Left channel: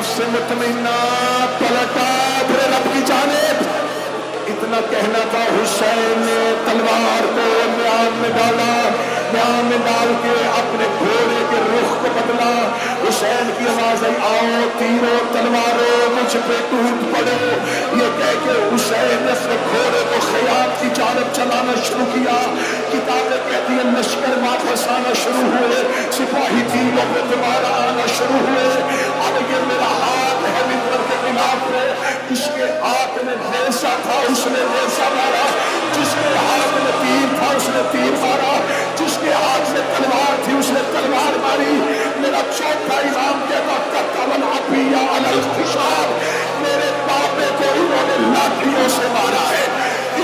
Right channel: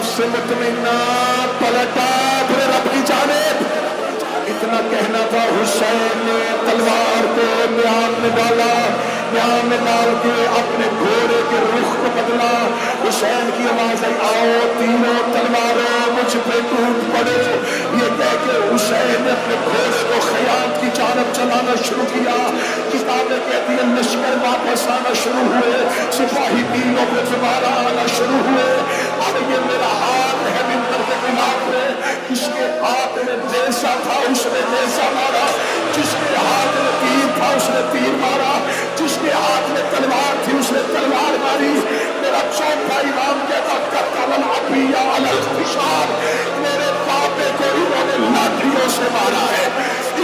नफ्स मुतमइन्ना पलटा अपने रब की जानिब। इतना कहना था, हुसैन ने तलवार को म्यान में डाला, म्यान में डाल के अपने घोड़े के रुख को बदला। हुसैन की आवाज आई, आओ तीरों तलवारों मुझ पे टूट पड़ो। ये कह के हुसैन ने अपने घोड़े को खयाम की जानब चलाना शुरू किया। किताबें कहती है लश्कर वापस आना शुरू हुए, सिपाही तीनों पे दोबारा आना शुरू हुए। अब ये मेरा हाथ है मिंबर के खिलाफ में, जिसके हाथ में नेज़ा था उसने नेज़ा मारा, जिसके हाथ में तीर था उसने तीर मारा, जिसके हाथ में तलवार थी उसने तलवार मारी। मेरा चौथा इमाम कहता कत्तल अबिया अलल खिशाब, मेरे बापे को इन्होंने लाठियों से मारा है,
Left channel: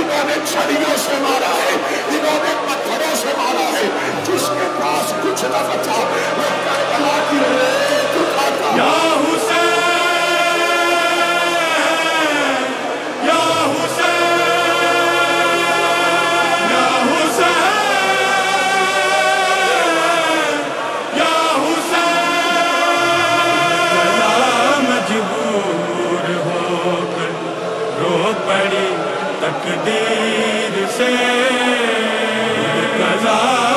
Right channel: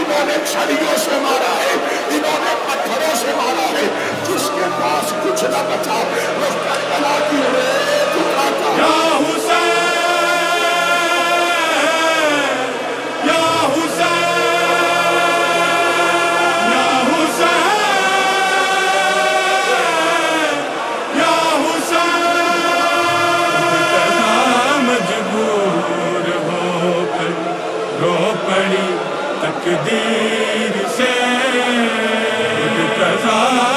इन्होंने छड़ियों से मारा है, इन्होंने पत्थरों से मारा है। जिसके पास कुछ न बचा वो करबला की रेत उठाता। तकदीर से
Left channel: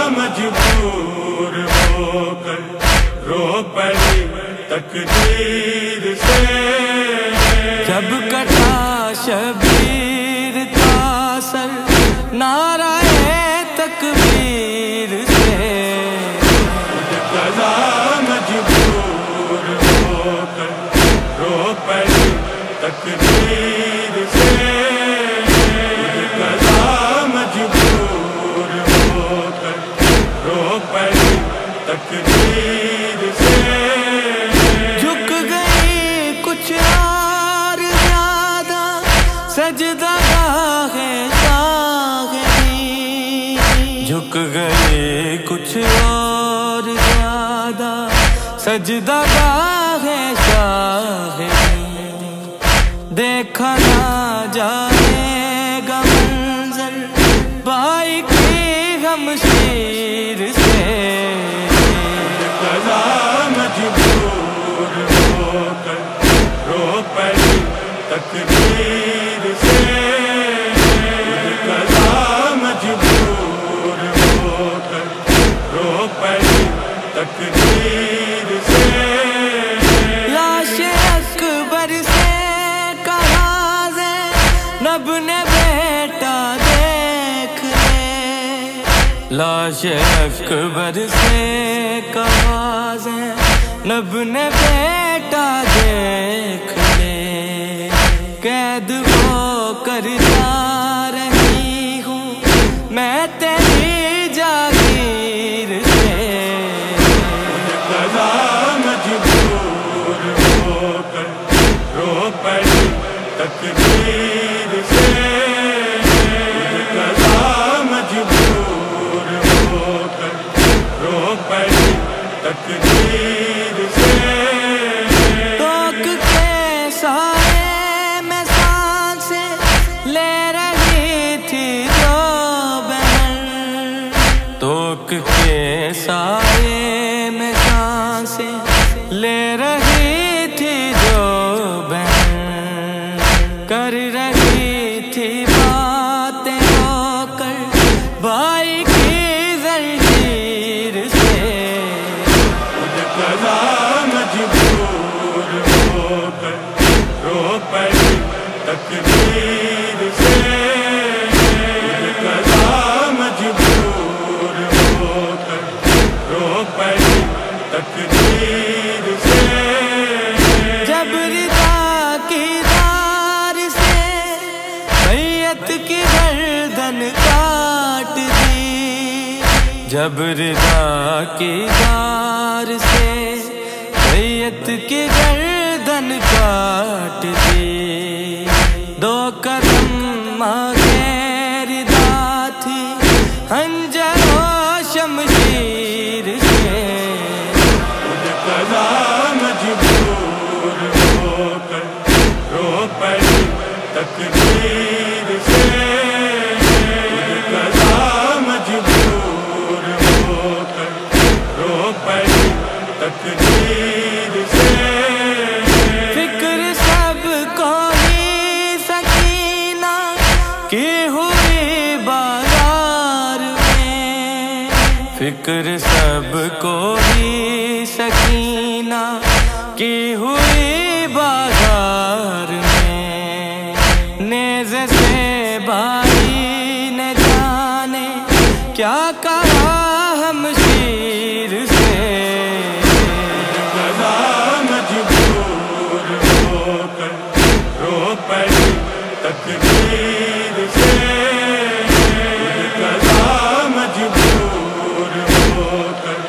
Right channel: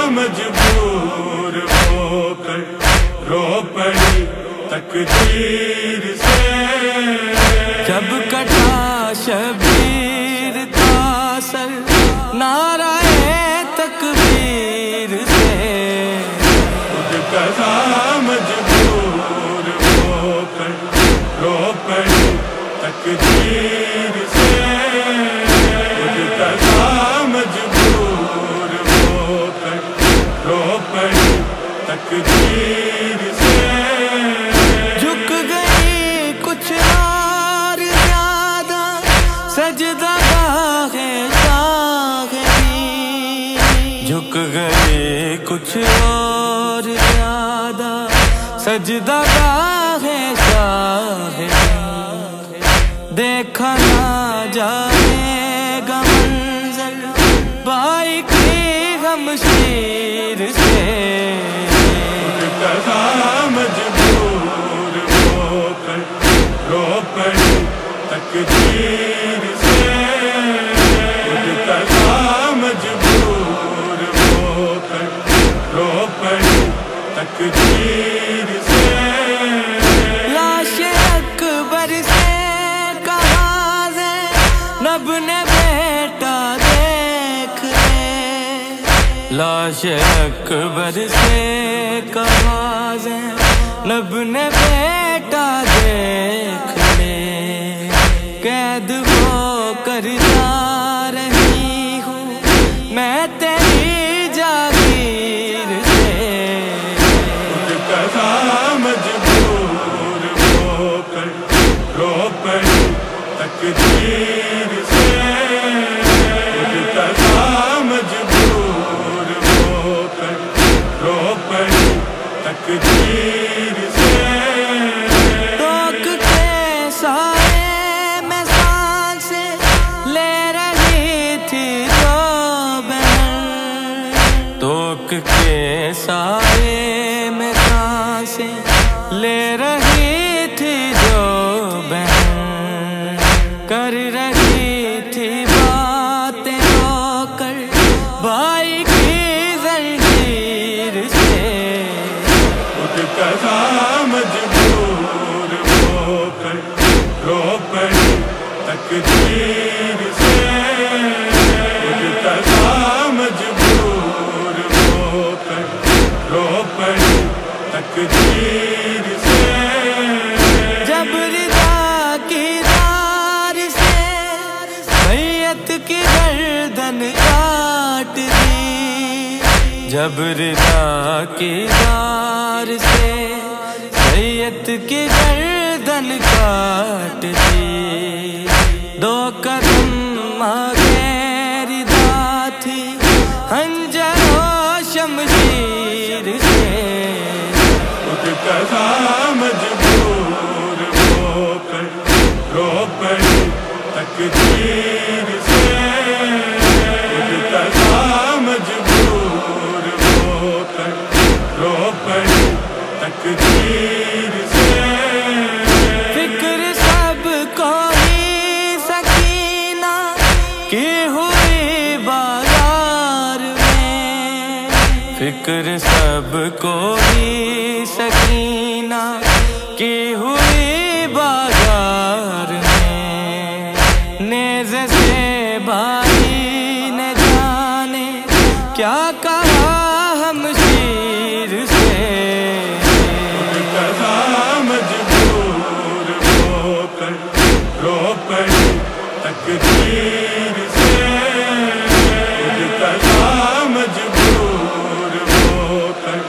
मजबूर होकर रो पड़ी तकदीर से। जब कटा शबीर का सर नाराए तकबीर से, कला मजबूर होकर रो पड़ी तकदीर से। झुक गई कुछ और ज्यादा सजदा गाहे शाहिदी, झुक गई कुछ और ज्यादा सजदा गाहे शाहिदी। देखा ना जाएगा मंजर भाई की गमशीर से, मजबूर होकर रो पड़ी तकदीर से। मजबूर होकर रो पड़ी तकदीर से। लाशे अकबर से कहा नब ने बेटा देख ले, लाश अकबर से कहा नब ने बेटा देख ले। कैद हो कर जा रही हूँ मैं तेरी जागीर से, मजबूर होकर रो पड़ी तकदीर से। मजबूर होकर रो पड़ी तकदीर से। टोक के साए में सांसें ले रही थी जो बहन, टोक के साए में सांसें ले रही थी जो बहन। कर रही थी बातें रोकर भाई की जंजीर से, मजबूर होकर रो पड़ी तकदीर से। मजबूर होकर रो पड़ी तकदीर से। जब रिदा की दार से बैयत की गर्दन काट दी, जब रिदा की दार से बैयत की गर्दन काट दी। दो कदम आगे रिदा थी हंजरो शमशीर से, मजबूर होकर रो पड़ी तकदीर से। मजबूर होकर रो पड़ी तकदीर से। فکر سب کو ہی سکینہ کی ہوئی بازار میں، نیزے سے بھائی نے جانے کیا کہا ہم شیر سے، مجبور ہو کر رو پڑی تقدیر سے، مجبور ہو کر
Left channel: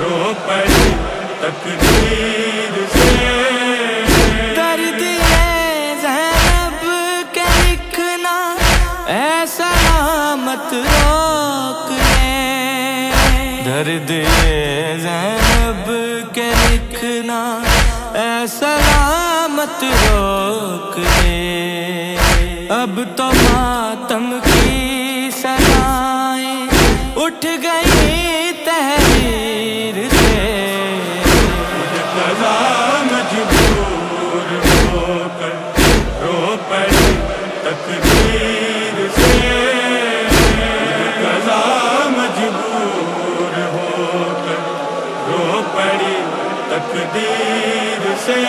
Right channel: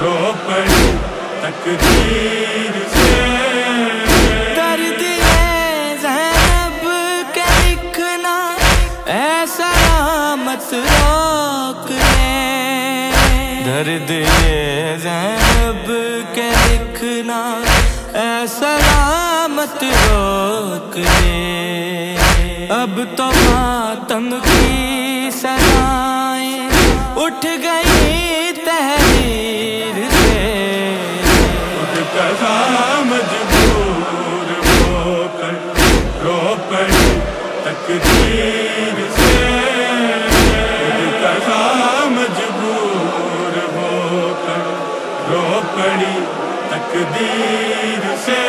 رو پڑی تقدیر سے، درد یہ زینب کے لکھنا اے سلامت روک لے، درد یہ زینب کے لکھنا اے سلامت روک لے، اب تو ماتم کی صدائیں اٹھ گئی تحریر سے، مجبور ہو کر رو پڑی تقدیر سے، مجبور ہو کر رو پڑی تقدیر سے۔